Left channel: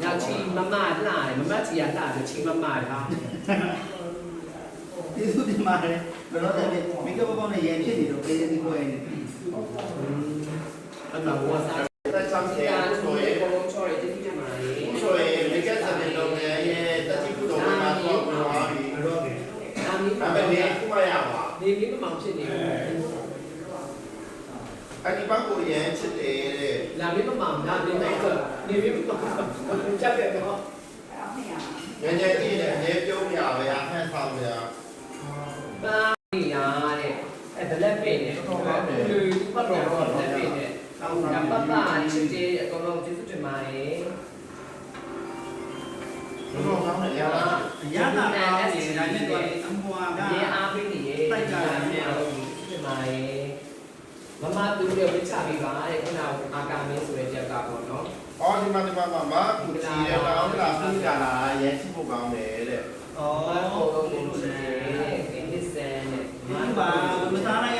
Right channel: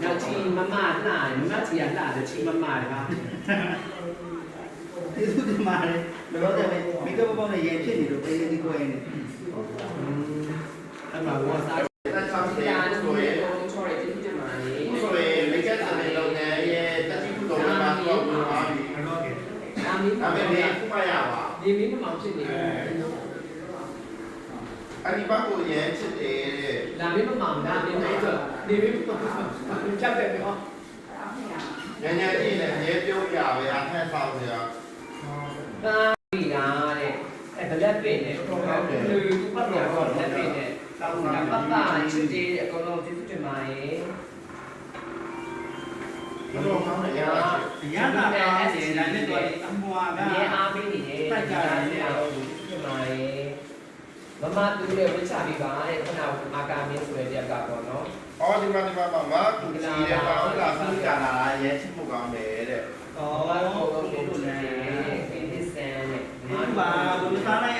Now, tea, mamma, lie, mamma, tea, lie, tea, mamma, huh? ဒီစုဒီမှာလေတော့တော့မိကပပေါင်းနဲ့ရန်ဖြစ်နေလို့ပေးနေပြီးကိုယ်နေ အဲ့မှာဘောစားတဲ့ချောင်းစီတာကိုရေဘုံချော်ရတဲ့ဒီမှာလေ ဆိုရင်မိကစတဲ့လုပ်ငန်းရဲ့တတိပုတော်မှာတော့ဝင်သွားပြီ တော့ကဲ ဒါမင်း ဒါပေမဲ့ခုမှရပါ နေမင်းမမောင်ဖြစ်နေတယ် အဲ့ဒီဘက်ကိုရမ်းချစ်တယ်တဲ့ လာမင်းမမောင်ဒါမင်းတော့နေမင်းမမောင်ချက်တယ်တော့ ညညလေးနဲ့အများပြောပြပဲအခန်းဆောင်ပြ ဒါဒီလားတဲ့အဲ့ဘလက်ပင်နဲ့တော့ကောင်းတယ်လူပတ်တော့ဘလက်ပင်နဲ့တောင်းတာပပချစ်တယ်အကုန်လုံးကျေးဇူးတင်ပါရဲ့ တော့ကောင်းတယ်ရပါ ရတာပါစေဒါနဲ့တော့အမွာက ရဲအားပေးနေတယ်တိုက်ကြတယ်အားလုံးဖြစ်ပါရဲ့မမတူလည်းဝချပြီးပါတဲ့ခုနကအာကာမင်းဆိုတဲ့တယောက်ကပေါ့နော် အော်ဒီမှာမကူကြည့်တယ်ကောင်းလားပြကြလာရမ်းချစ်ဖို့ကောင်းတယ်တဲ့ 哦，我们不是，给你生的。ဒီပါဘယ်လိုစားလိုက်ရ